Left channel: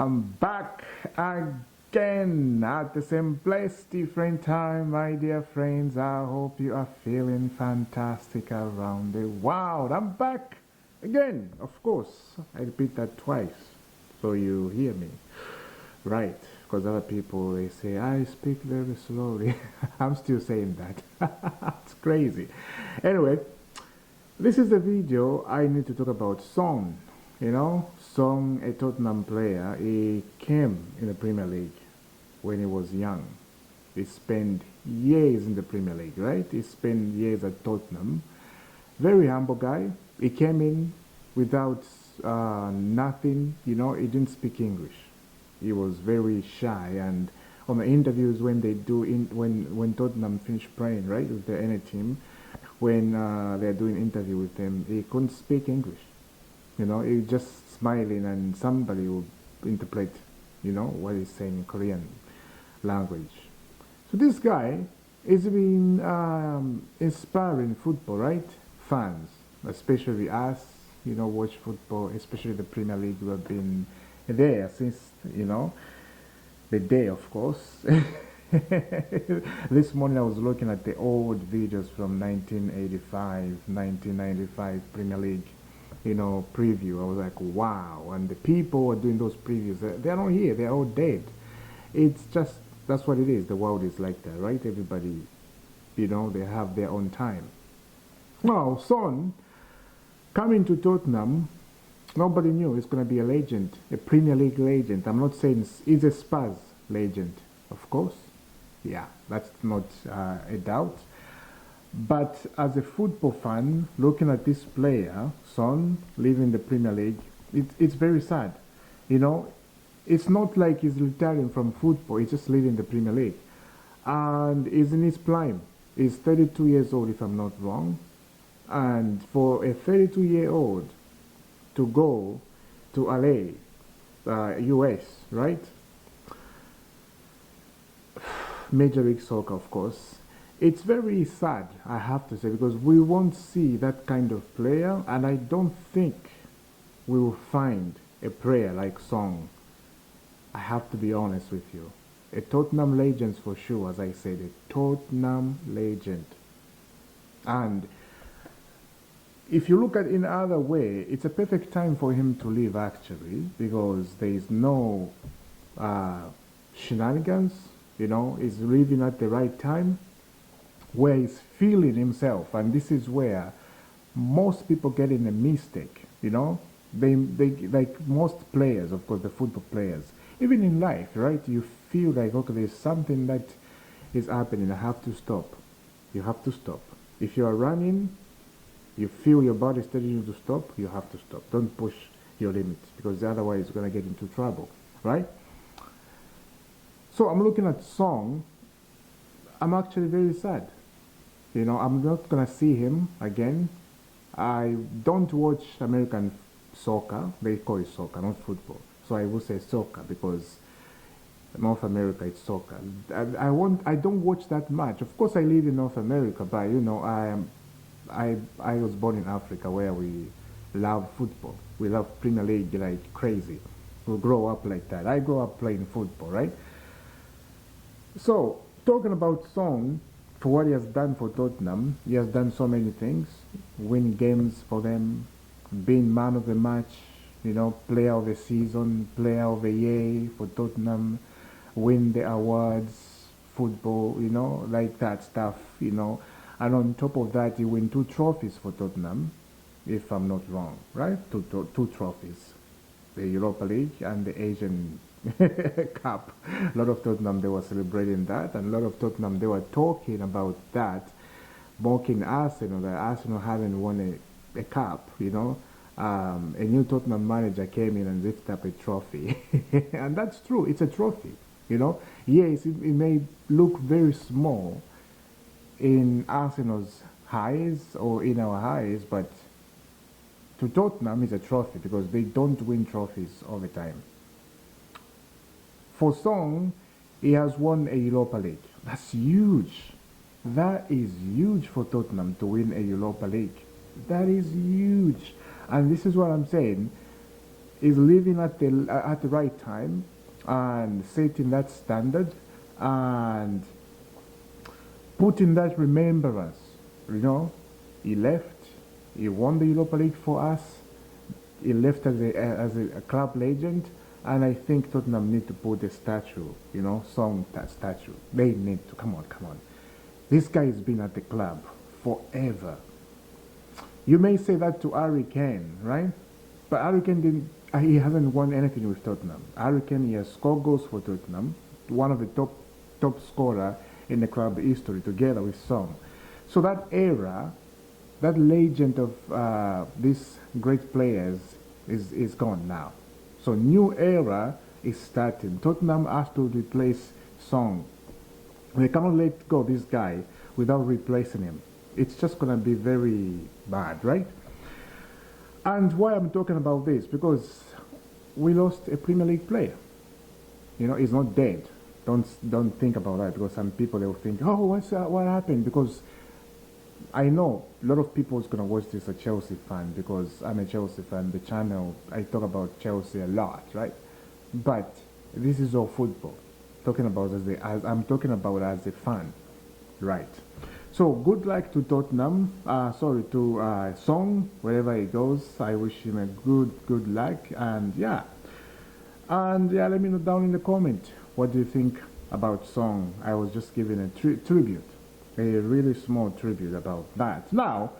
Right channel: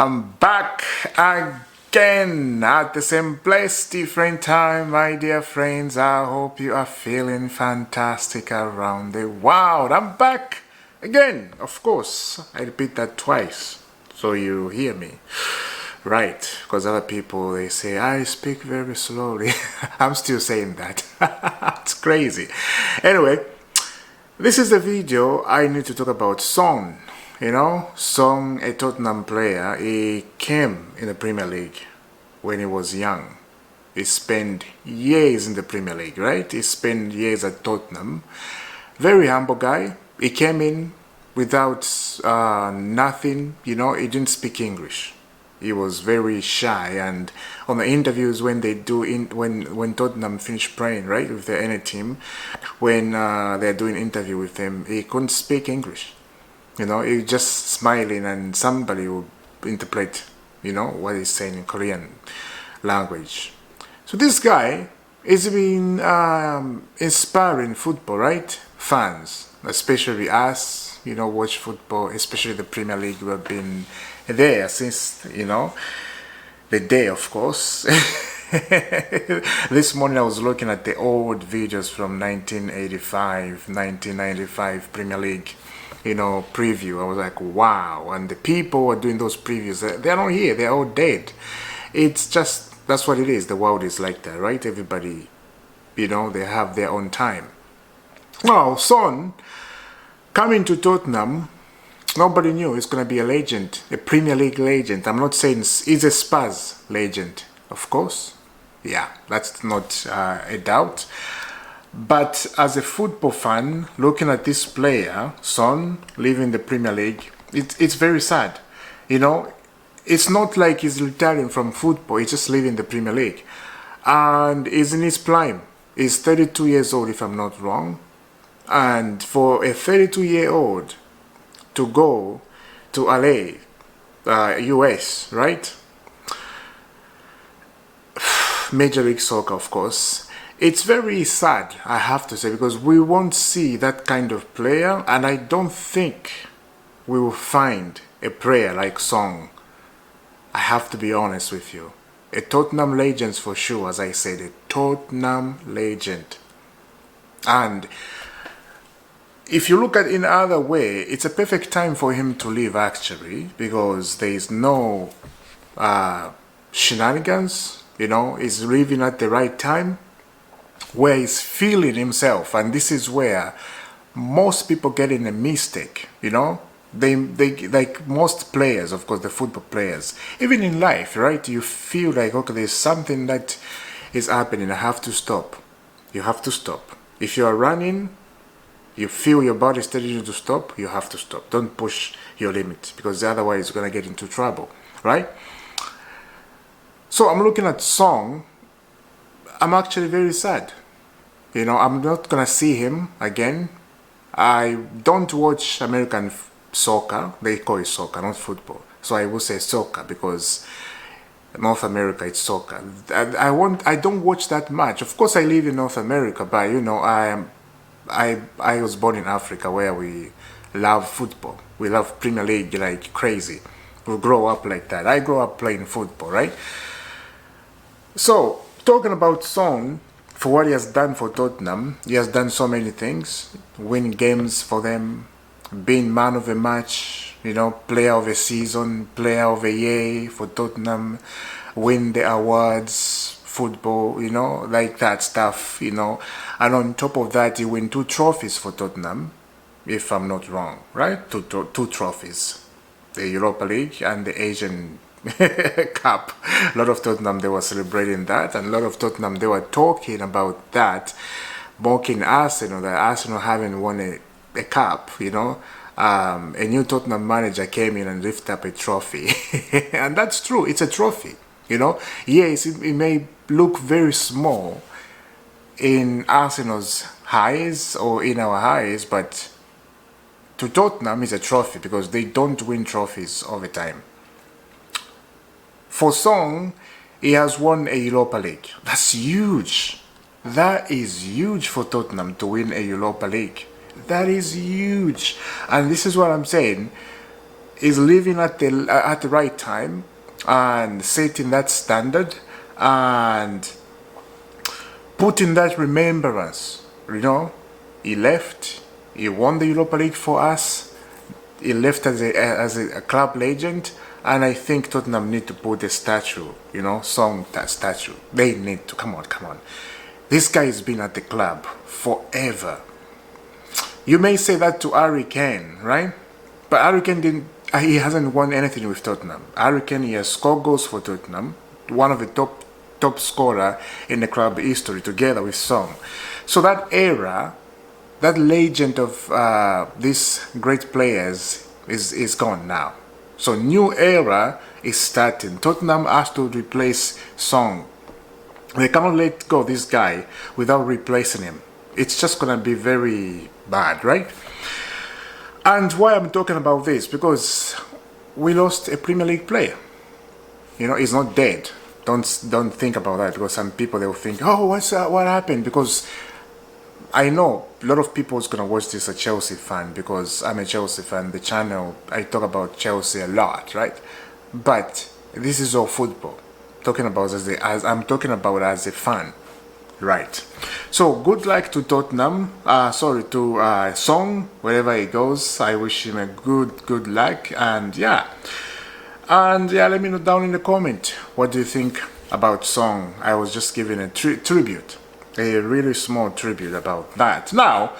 I'm back again at the same place, different time, my dear friends. I hope you are feeling fantastic around the world. I'm back again, of course. I repeat that twice so you hear me. Right, because other people, they say, I speak very slowly. I'm still saying that. It's crazy. Anyway, this is the video I need to talk about Son. You know, Son, a Tottenham player, he came in the Premier League when he was young. He spent years in the Premier League, right? He spent years at Tottenham. Very humble guy. He came in without nothing, you know, he didn't speak English. He was very shy, and on the interviews when they do when Tottenham finish playing, right, with any team, when they're doing interview with him, he couldn't speak English. You know, he just smiling, and somebody will interpret, you know, what he's saying in Korean language. So this guy has been inspiring football, right? Fans, especially us, you know, watch football, especially the Premier League. We've been there since, you know, the day, of course. This morning I was looking at the old videos from 1985, 1995 Premier League, you know, preview. I was like, wow. And the people who are doing those previews, they're not here, they're all dead. It's just, that's what it is. The world is like that, right? Everybody, you know, they have their own time. Now, Son coming to Tottenham, nobody knew he's going to be a legend, a Premier League legend. I'm not saying he's a Spurs legend, of course. Yeah, that's not a doubt. But as a football fan, looking at this player, Son, leaving the Premier League, it's very sad. You know, it's not like he's retiring from football, he's just leaving the Premier League. And he's in his prime. He's 32 years old, if I'm not wrong. And for a 32-year-old to go to LA, US, right? Major League Soccer, of course. It's very sad, I have to say, because we won't see that kind of player, and I don't think we will find a player like Son. I have to be honest with you. A Tottenham legend for sure, as I said, a Tottenham legend. And if you look at it in another way, it's a perfect time for him to leave, actually, because there is no shenanigans. You know, he's leaving at the right time, where he's feeling himself. And this is where most people get in a mistake. You know, they like most players, of course, the football players, even in life, right? You feel like, okay, there's something that is happening, I have to stop. You have to stop. If you are running, you feel your body telling you to stop, you have to stop. Don't push your limit, because otherwise you're going to get into trouble, right? So I'm looking at Son. I'm actually very sad. You know, I'm not going to see him again. I don't watch American soccer. They call it soccer, not football. So I will say soccer, because North America, it's soccer. I don't watch that much. Of course, I live in North America, but you know, I was born in Africa, where we love football. We love Premier League like crazy. We grow up like that. I grew up playing football, right? So, talking about Son, for what he has done for Tottenham, he has done so many things. Win games for them, being man of the match, you know, player of the season, player of the year for Tottenham, win the awards, football, you know, like that stuff, you know. And on top of that, he win 2 trophies for Tottenham, if I'm not wrong, right? Two trophies. The Europa League and the Asian Cup. A lot of Tottenham, they were celebrating that, and a lot of Tottenham, they were talking about that, mocking Arsenal, that Arsenal haven't won a cup, you know. A new Tottenham manager came in and lifted up a trophy. And that's true, it's a trophy, you know. Yes, it may look very small in Arsenal's eyes or in our eyes, but to Tottenham, it's a trophy, because they don't win trophies all the time. For Son, he has won a Europa League. That's huge. That is huge for Tottenham to win a Europa League. That is huge. And this is what I'm saying. is living at the right time and setting that standard and putting that remembrance. You know, he left, he won the Europa League for us, he left as a club legend, and I think Tottenham need to put a statue, you know, Son statue. They need to, come on, come on. This guy has been at the club forever. You may say that to Harry Kane, right? But Harry Kane didn't, he hasn't won anything with Tottenham. Harry Kane, he has scored goals for Tottenham, one of the top scorer in the club history together with Son. So that era, that legend of these great players is gone now. So new era is starting. Tottenham has to replace Son. They cannot let go of this guy without replacing him. It's just gonna be very bad, right? And why I'm talking about this, because we lost a Premier League player. You know, he's not dead. Don't think about that, because some people, they'll think, oh, what happened? Because I know a lot of people is gonna watch this, a Chelsea fan, because I'm a Chelsea fan. The channel, I talk about Chelsea a lot, right? But this is all football. Talking about I'm talking about as a fan, right? So good luck to Tottenham. Sorry, to Son, wherever he goes. I wish him a good luck, and yeah, let me know down in the comment what do you think about Son. I was just giving a tribute, a really small tribute about that. Now,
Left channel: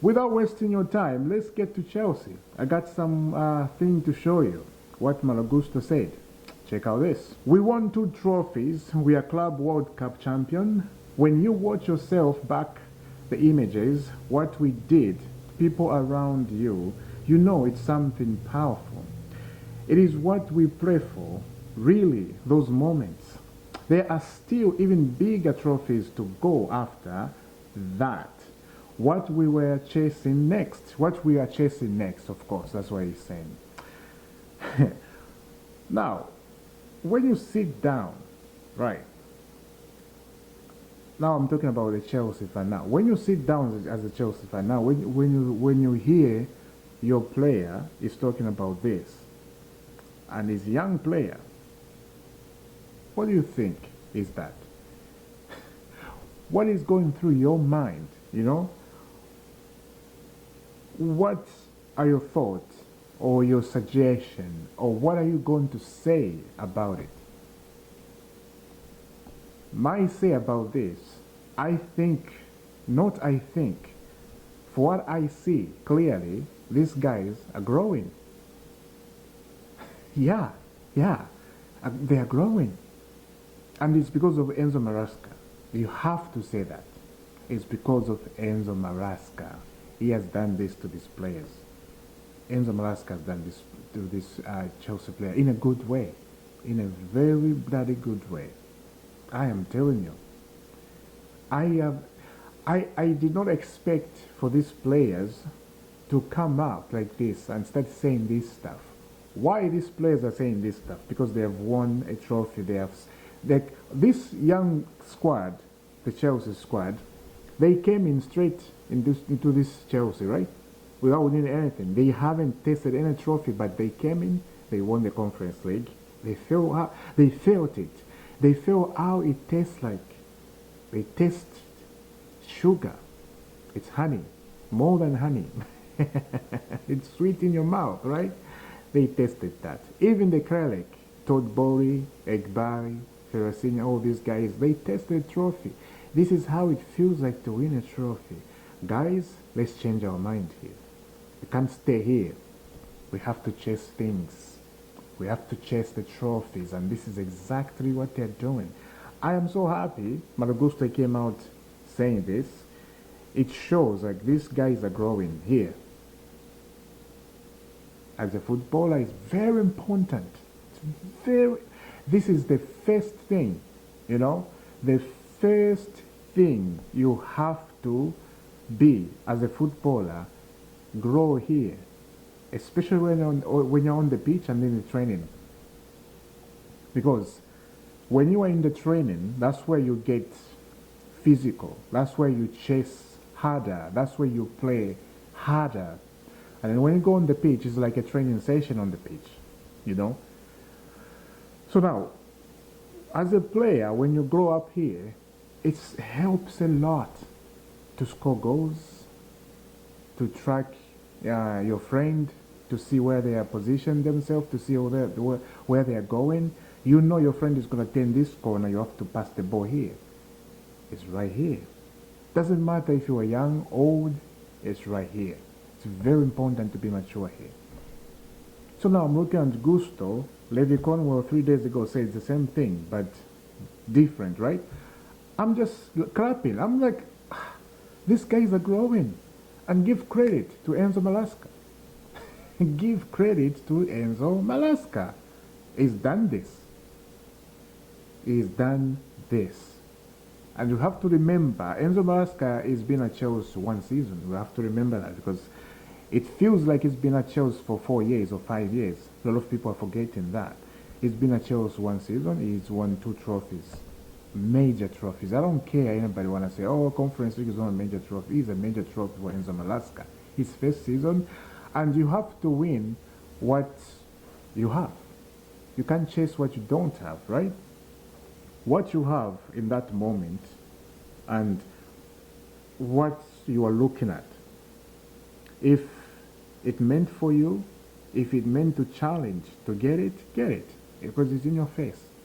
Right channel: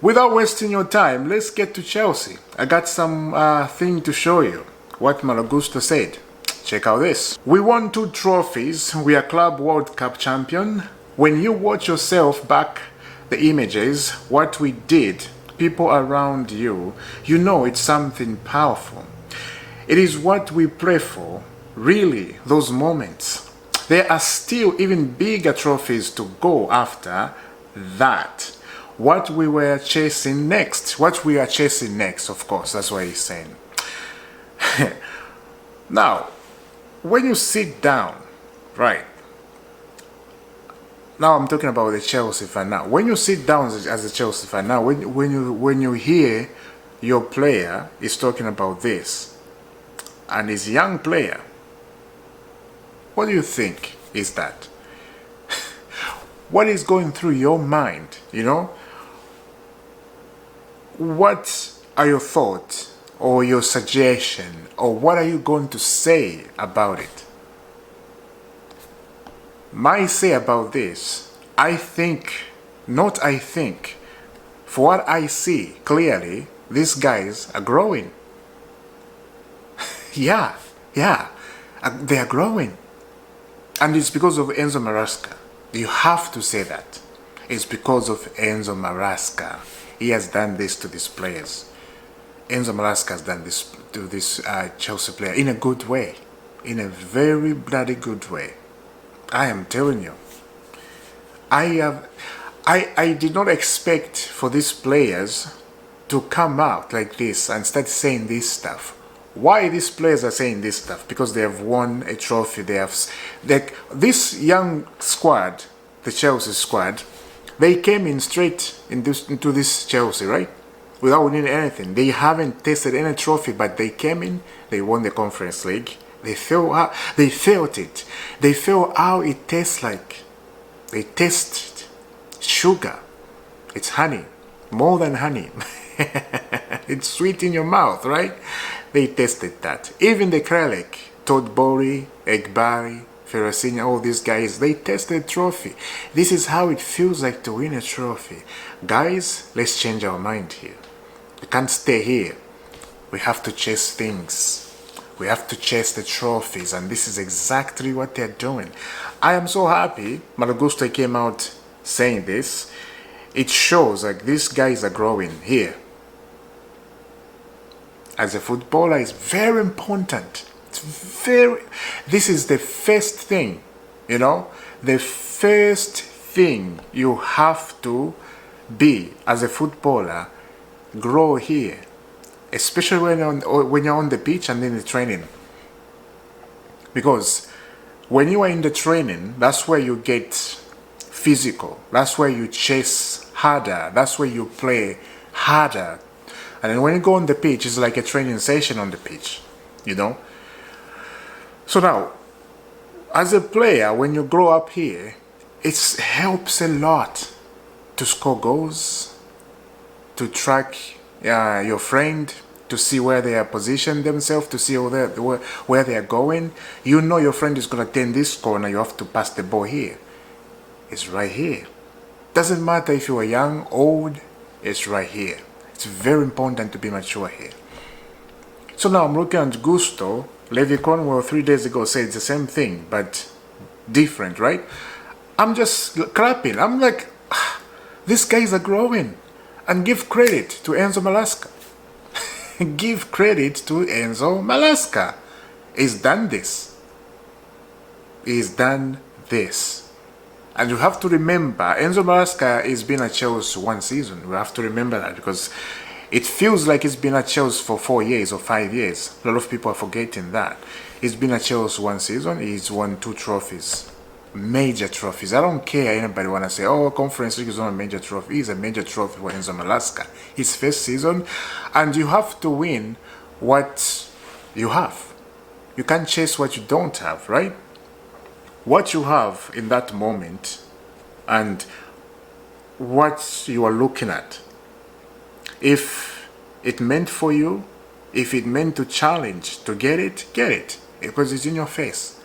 without wasting your time, let's get to Chelsea. I got some thing to show you. What Malagusto said. Check out this. We won 2 trophies. We are Club World Cup champion. When you watch yourself back the images, what we did, people around you, you know it's something powerful. It is what we pray for, really, those moments. There are still even bigger trophies to go after that. What we were chasing next. What we are chasing next, of course, that's what he's saying. Now, when you sit down, right? Now I'm talking about the Chelsea fan now. When you sit down as a Chelsea fan now, when you hear your player is talking about this, and he's a young player, what do you think is that? What is going through your mind, you know? What are your thoughts or your suggestion, or what are you going to say about it? My say about this, for what I see clearly, these guys are growing. yeah, they are growing. And it's because of Enzo Maresca. You have to say that. It's because of Enzo Maresca. He has done this to these players. Enzo Maresca has done this to this Chelsea player in a good way. In a very bloody good way. I am telling you. I did not expect for these players to come out like this and start saying this stuff. Why these players are saying this stuff? Because they have won a trophy. They have, like, this young squad, the Chelsea squad, they came in straight into this Chelsea, right? Without winning anything. They haven't tasted any trophy, but they came in, they won the Conference League. They felt it. They felt how it tastes like. They tasted sugar. It's honey. More than honey. It's sweet in your mouth, right? They tasted that. Even the Kralik, Todd Bowley, Egbari, Ferracini, all these guys, they tasted trophy. This is how it feels like to win a trophy. Guys, let's change our mind here. We can't stay here. We have to chase things. We have to chase the trophies, and this is exactly what they're doing. I am so happy Malagusto came out saying this. It shows like these guys are growing here. As a footballer, it's very important. This is the first thing, you know, the first thing you have to be as a footballer. Grow here, especially when you're on the pitch and in the training. Because when you are in the training, that's where you get physical. That's where you chase harder. That's where you play harder And then when you go on the pitch, it's like a training session on the pitch, you know. So now, as a player, when you grow up here, it helps a lot to score goals, to track your friend, to see where they are positioned themselves, to see where they are going. You know your friend is going to turn this corner, you have to pass the ball here. It's right here. Doesn't matter if you are young, old, it's right here. It's very important to be mature here. So now I'm looking at Gusto. Levi Cornwell 3 days ago said the same thing, but different, right? I'm just clapping. I'm like, these guys are growing. And give credit to Enzo Malasca. Give credit to Enzo Malasca. He's done this. He's done this. And you have to remember, Enzo Malasca has been at Chelsea 1 season. We have to remember that because it feels like he's been at Chelsea for 4 years or 5 years. A lot of people are forgetting that. He's been at Chelsea 1 season. He's won 2 trophies. Major trophies. I don't care anybody want to say, oh, Conference League is not a major trophy. It's a major trophy for Enzo Malasca. His first season. And you have to win what you have. You can't chase what you don't have, right? What you have in that moment and what you are looking at. If it meant for you, if it meant to challenge to get it, because it's in your face.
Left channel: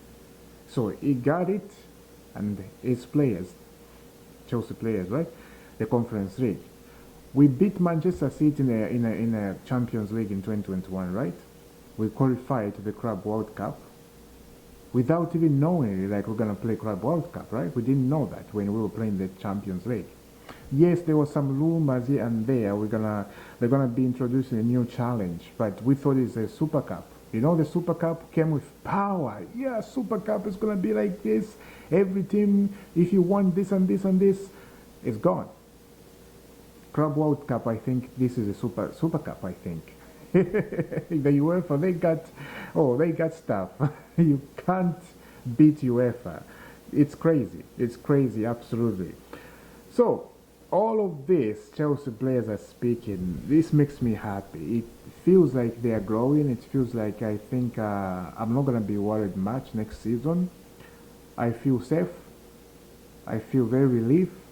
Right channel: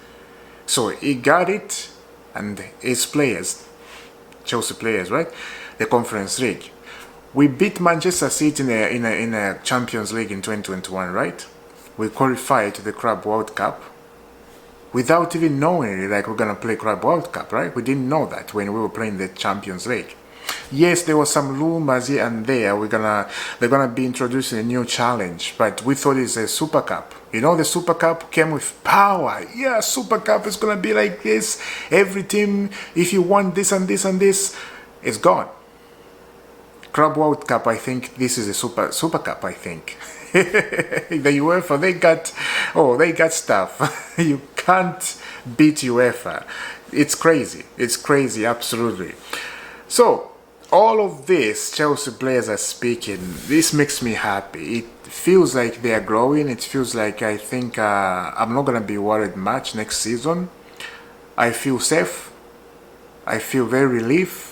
So he got it, and his players, Chelsea players, right? The Conference League. We beat Manchester City in a Champions League in 2021, right? We qualified to the Club World Cup without even knowing it, like we're gonna play Club World Cup, right? We didn't know that when we were playing the Champions League. Yes, there was some rumors here and there. They're gonna be introducing a new challenge, but we thought it's a Super Cup. You know, the Super Cup came with power. Yeah, Super Cup is gonna be like this. Every team, if you want this and this and this, it's gone. Club World Cup, I think this is a Super Cup. I think the UEFA they got stuff. You can't beat UEFA. It's crazy. It's crazy, absolutely. So all of this, Chelsea players are speaking. This makes me happy. It feels like they are growing. It feels like I think I'm not gonna be worried much next season. I feel safe. I feel very relieved.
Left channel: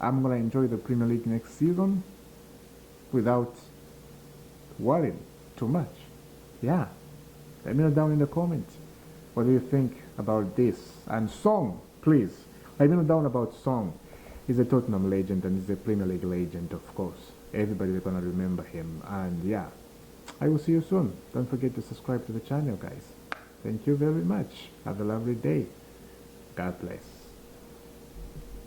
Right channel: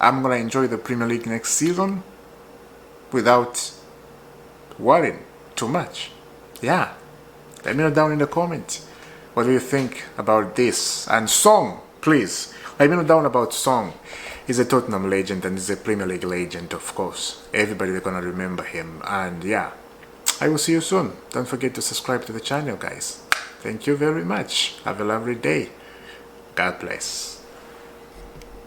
I'm gonna enjoy the Premier League next season without worrying too much. Yeah. Let me know down in the comments. What do you think about this? And Son, please. Let me know down about Son. He's a Tottenham legend and he's a Premier League legend, of course. Everybody's gonna remember him. And yeah, I will see you soon. Don't forget to subscribe to the channel, guys. Thank you very much. Have a lovely day. God bless.